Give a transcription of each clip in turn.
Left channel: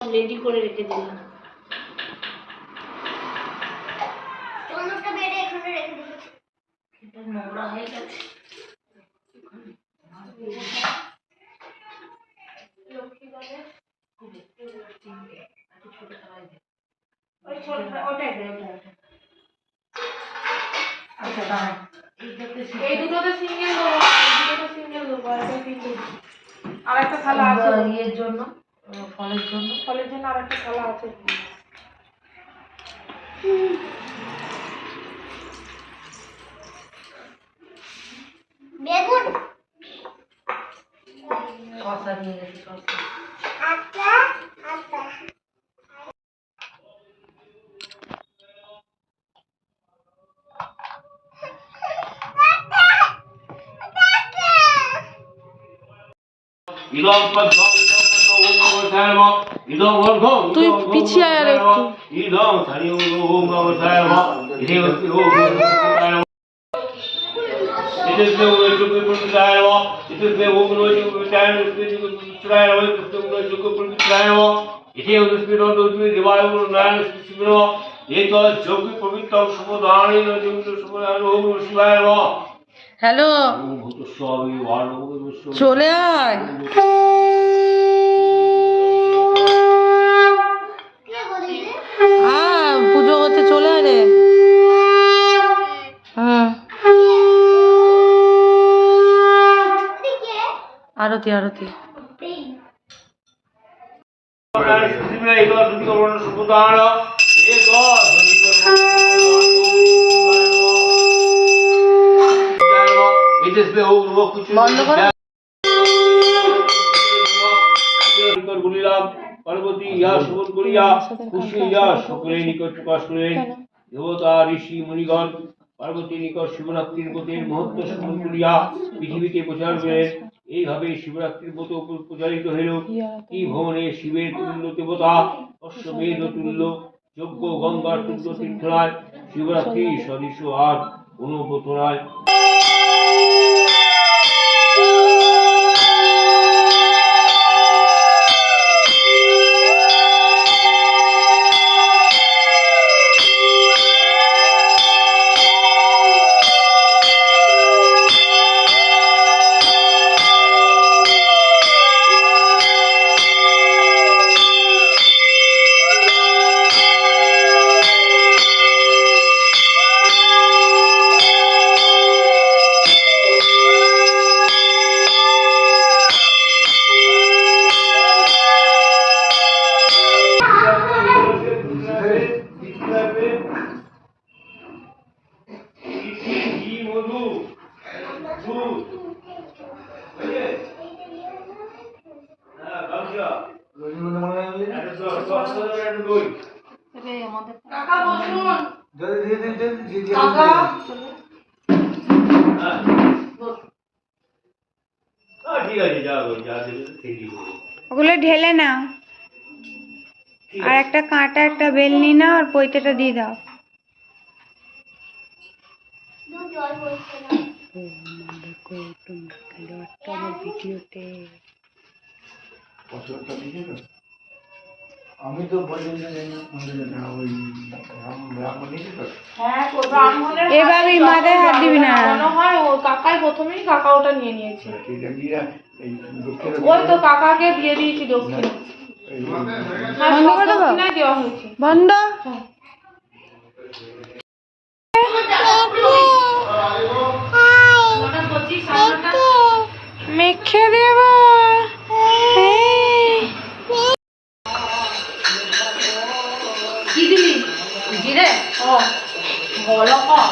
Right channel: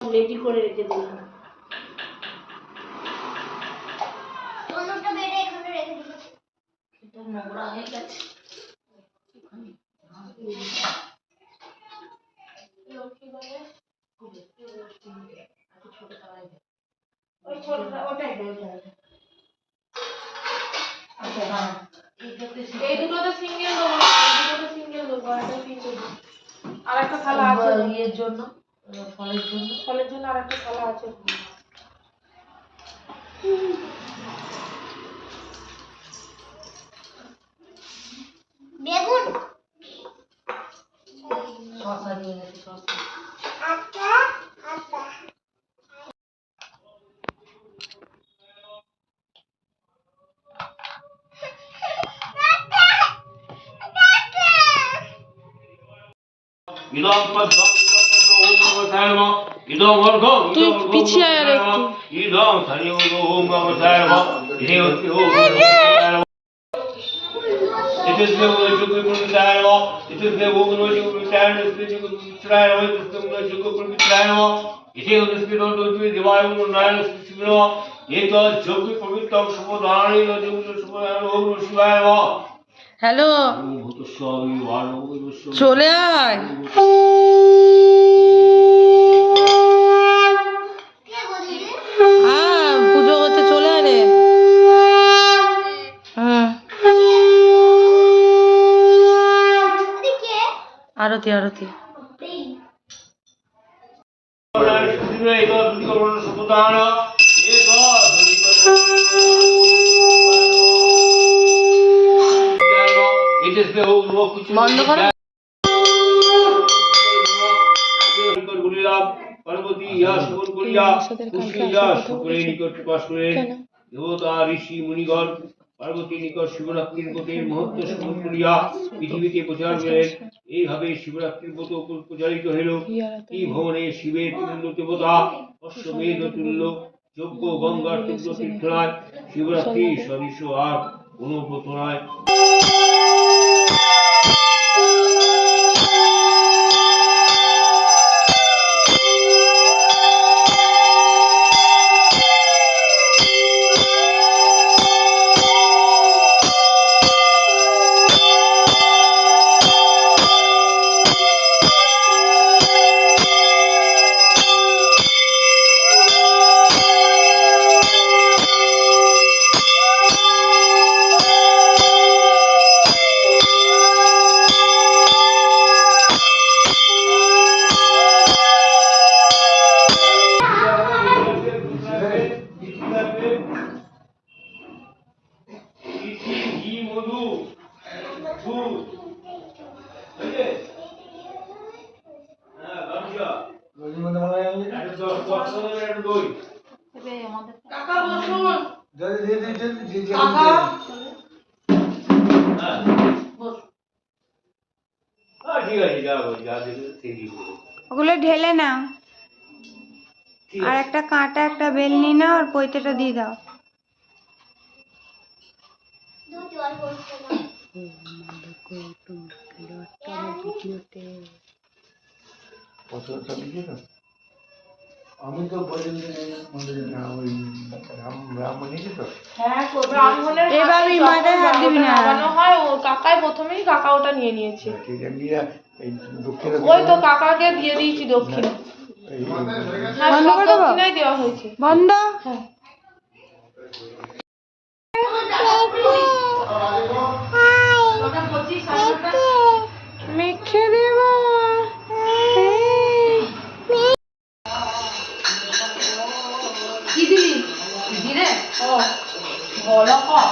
Ready করে রেখে দিলাম। এটা নোংরা হয়ে গেছে। এই দুটোতে সিঙ্গেল দেবো, আর একটা থালা আছে ইয়ের জন্য, ফলের জন্য আর একটা থালা আছে। বেগুন শসা নিয়ে গেছি, শসা আচ্ছা আচ্ছা। তুই পিছিয়ে আর একটু হ্যালো চলে আয়। পুজো করতে চলে আয় রে। আরতি আরতি বন্ধ করো। পার্বতী ইহা শ্রবণ করিয়া খুশি হইয়া সকলের নিকট প্রকাশ করেন। দেবতা ঋষি মুনিগণ পার্বতীর নিকট শিবরাত্রির ব্রতের মহত্ব শ্রবণ করিয়া পৃথিবীতে প্রচার করেন। এইভাবে শিবরাত্রির ব্রত প্রচারিত হইল। এই ভবনে শিবের তুল্য দেবতা অশ্বমেধ তুল্য যজ্ঞ গঙ্গার তুল্য তীর্থরায় শিবরাত্রি সদৃশ আর কোন ব্রত নয়। ওগুলো ঢেলে নাও, আর একটা কাঁটা একটা বেলনি নাও, আর পৈতেটা দিয়ে দাও। আমি তো এভাবে মাথায় হাত দিবি না। কাকাই প্রথমেই কাকা ওটা নিয়ে নিয়েছে। ওই তো কাকাকে দিয়ে দিয়েছি দক্ষিণা। বন্ধ করে দেবো, দেওয়া হয়েছে বন্ধ। মেখে দেব। কি দিলি? জিরে? ও বড় কম।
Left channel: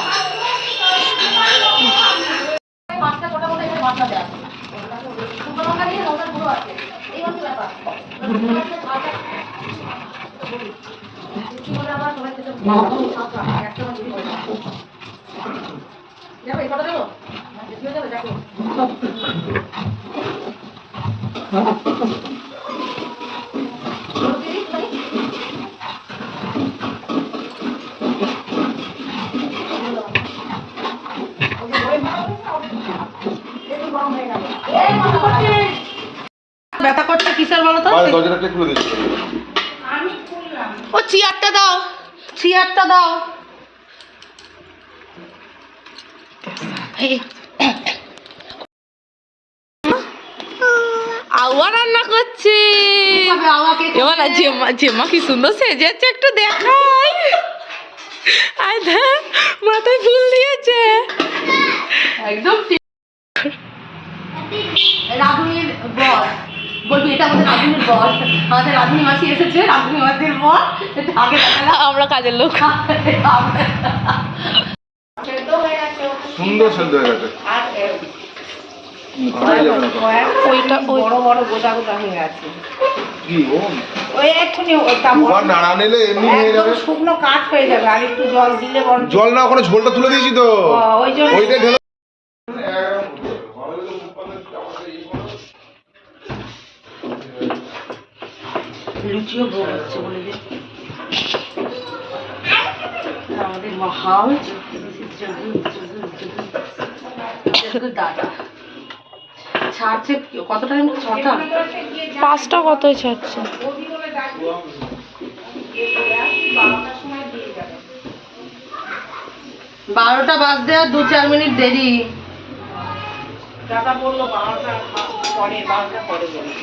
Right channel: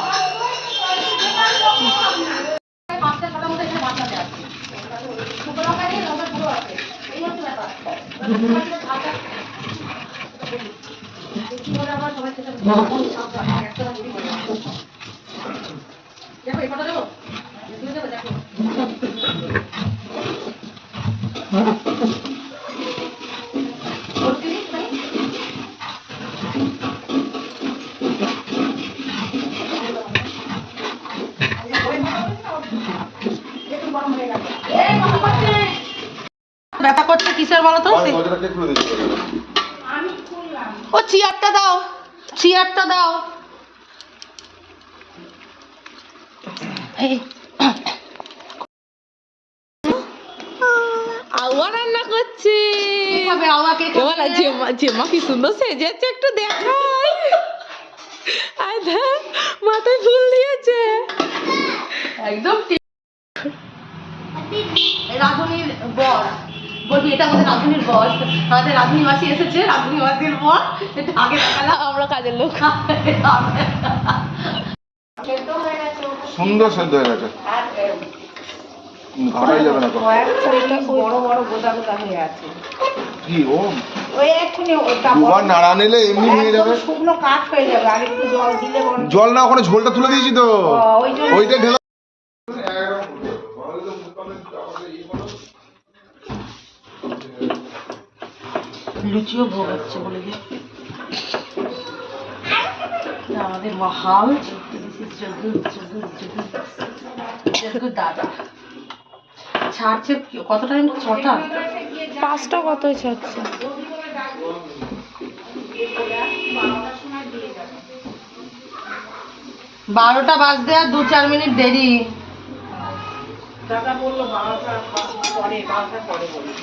পাঁচটা মোটা মোটা এখানে মশলা দেওয়া। ছোট টাকা দিয়ে মশলা গুঁড়ো আছে। এই হচ্ছে ব্যাপার। দেখো এই কথা দেবো। দেখো। ব্যথা করছে কিসের বলো তো? ও চেয়ারটা দাও, চেয়ারটা দাও। আউয়া রান্না করছে। এবার জেমা কি সুন্দর সেজেছে, একটু দেখাই। আয় দেখ, মাথায় ফুল দিয়েছে একদম রাধুনির বর, বলবি এটা আমাদের রাধুনির বর, আমাদের রাধুনি মাসি এসেছে, রাধুনি মাসির বর। এটা আগে দেখালাম। আমরা কাজের লোক। সুন্দর সেদ্ধ হয়ে গেছে, ভাড়াই যাবে না তো। ওইটা ওই বড় বড় গোটা গোটা হয়ে গেছে। কি ও ওই একটুখানি ওটা দুবার নাড়া নিলে এমনি হয়ে যাবে। শুকনো কাঠ হয়ে যাবে, আর একটু জল দিলে বরং জল না, ওখানে ঝোলটা তুলে দিয়েছি তো, ওই জন্য ওইটা ঢেলে। লুচিও ভোগ হচ্ছে বলে দিই। আমাদের মহাল দাদা ছাড়ছে কত টাইম? 6টা 5টা কতই ছাড়ছে। 12টা বাজতে আর 2-4 মিনিট দেরি। টাকা বললো 12টা পরে, 12টা পরে বললো।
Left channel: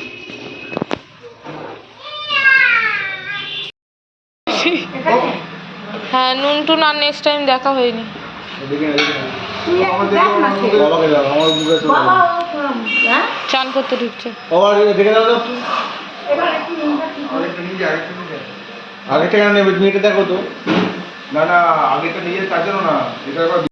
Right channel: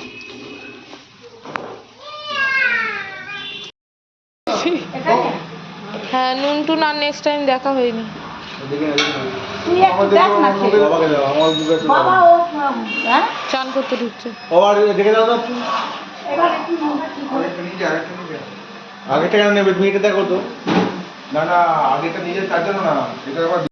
হ্যাঁ, নুন টুন আর নেক্সট টাইম দেখা হয়নি। চান করতে ঢুকছে। আগেটা কেন নেবে তুমি? এটা দেখো তো। না না, আগেটা নিয়ে তার জন্য না, এটা একবার